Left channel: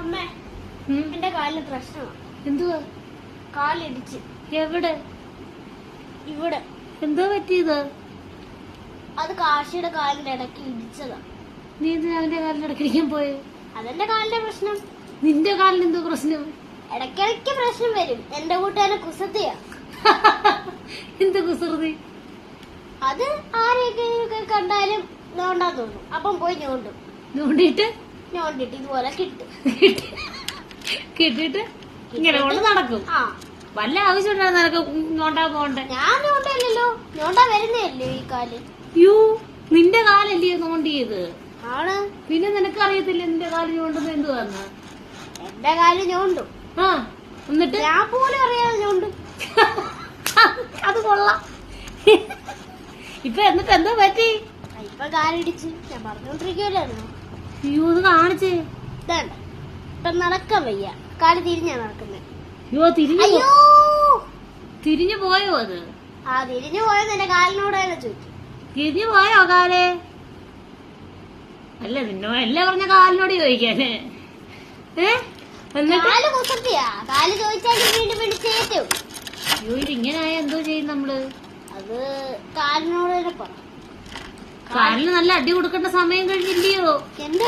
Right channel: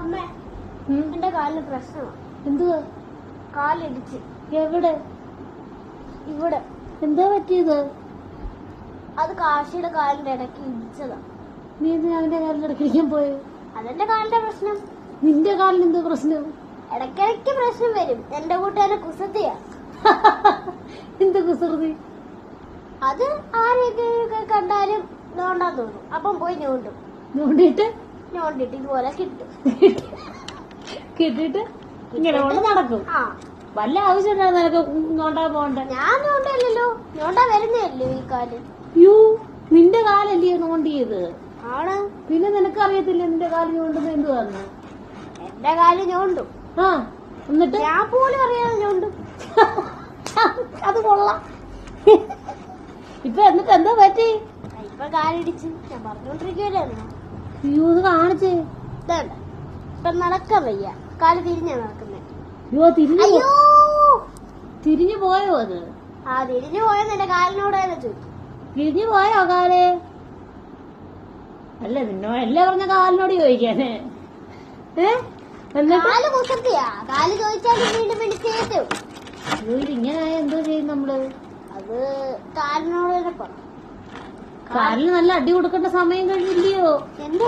അമ്മ എന്റെ കാലിന് പ്രശ്നം. എന്തുവാ? കാലിടിച്ച്. എവിടെ? ഇവിടെ. എന്തോ പറ്റിയത്? അത് കാശിയുടെ കാലിന്റെ ഇടയ്ക്ക് ഇടിച്ചതാ. നീ എന്തിനാ അവന്റെ കാലിന്റെ ഇടയ്ക്കിരിക്കാൻ പോയത്? അതെന്റെ കാലിന്റെ പ്രശ്നം. നിന്റെ കാലിന് എന്തോ പ്രശ്നം? ഇടയ്ക്കിടയ്ക്ക് പ്രശ്നം വരും. എന്റെ കൂട്ടുകാരെ കുസൃതിയാ. എന്ത് കുസൃതി? അത് ആരെയൊക്കെ കണ്ടാലും നോണ്ടാ തോന്നും. അപ്പം പോയി ഞോണ്ടും. ഞോണ്ടിട്ട് ഇതുപോലെ കിട്ടും. കിട്ടിട്ട് ഇങ്ങനെ കൊണ്ട് നടക്കും. ആ, വല്ല ആവശ്യമുണ്ടാകും നിനക്ക് ഞോണ്ടാ പോണ്ടേ? ഞാൻ നോണ്ടല്ലോ. നോണ്ടാ വരുന്നല്ലേ ഈ കാല്. യൂ, നിന്റെ കാലല്ലേ നോണ്ടിയത്? ആണ്. പിന്നെ നിനക്ക് അറിയത്തില്ല നിന്റെ കാല് ഞോണ്ടുമ്പോ എന്തുവാന്ന്? എന്റെ കാല് ഞോണ്ടും. ആ, എന്നിട്ട് ഞാൻ പോലും അറിയാതെ ഞോണ്ടും. അത് കൊള്ളാം. ഇപ്പൊ എന്നിട്ട് എന്താ പറ്റി? ഇപ്പൊ കാലിടിച്ച്. ഞാൻ പറഞ്ഞോണ്ടിരിക്കുവല്ലായിരുന്നു. അയ്യോ, ഇത് കാണിച്ചേ. ഇതാണ്. ഇപ്പൊ നടക്കാൻ വയ്യ. കാല് തിരിഞ്ഞാ നടക്കുന്നത്. അയ്യോ, അയ്യോ, തിരിഞ്ഞു പോയോ അത്? ആ തിരിഞ്ഞു പോയത് എന്റെ കാലിനോടാണ് ചോദിച്ചു. തിരിഞ്ഞു പോയോ കാല്? അല്ല, നിന്നോടല്ലേ പറഞ്ഞ കാലിനോട് ചോദിക്കാന്. എന്നിട്ട് കാല് കുസൃതിയാ. കാല് ചോദിച്ചാലും വീണ്ടും പിടിച്ചേറ്റും. അയ്യോ, ഇതിങ്ങനെ എന്തോ ചെയ്യും നമ്മള്? അത് കാലിനോട് പറഞ്ഞു. കാലിന് നല്ല അടി കൊടുക്കേണ്ട സമയം കഴിഞ്ഞില്ലയോ? എന്ത്